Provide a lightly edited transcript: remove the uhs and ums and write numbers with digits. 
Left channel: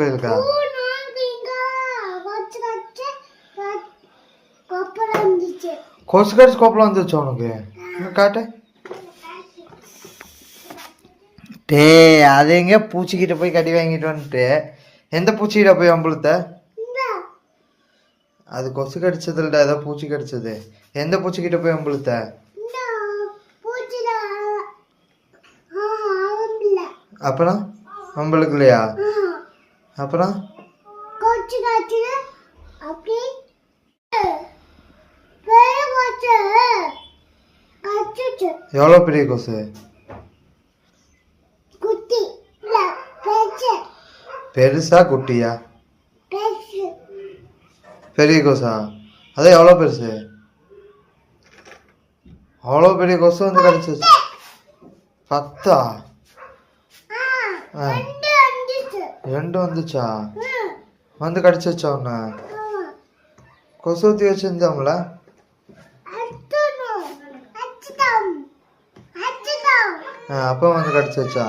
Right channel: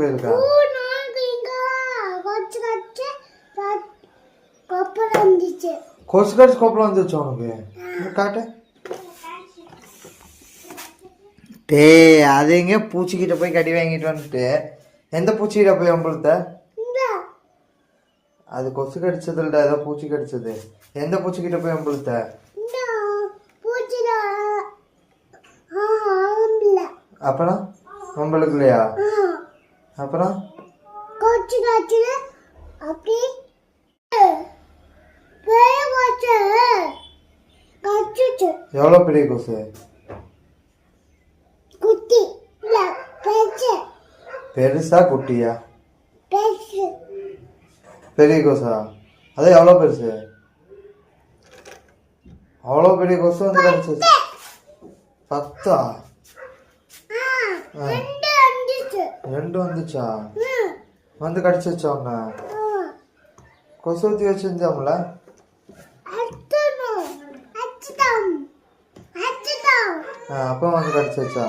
போயிருக்கா கொசு கடிச்சு கொப்பளம் வந்துச்சு உனக்கு காட்டு. டே அது எங்க பூச்சிக்கிட்ட போய் கடி வாங்கிட்டு வந்துட்டு எந்த பூச்சிக்கிட்ட போய் அம்பளத்த? அது கொசு கடிச்சதுலடா, ஏதோ பூச்சி கடிச்சது. எந்த பூச்சிக்கிட்ட போய் அம்பளத்த? அப்புறம் அம்பளுக்கு இல்லையா? அப்புறம் எவ்வளோ பெரிய கொசு? பெருசா குட்டியா? பெரிய கொசா? அதான் எவ்வளோ பெருசு? அவ்வளோ பெரிய கொசு வந்து கடிச்சிச்சு. 10 2 வந்துச்சா? வந்து கடிச்சிச்சா உன்ன? கொசு ஊற்றி வச்சிருந்தாங்களா? அப்போ வந்து கடிச்சிச்சா?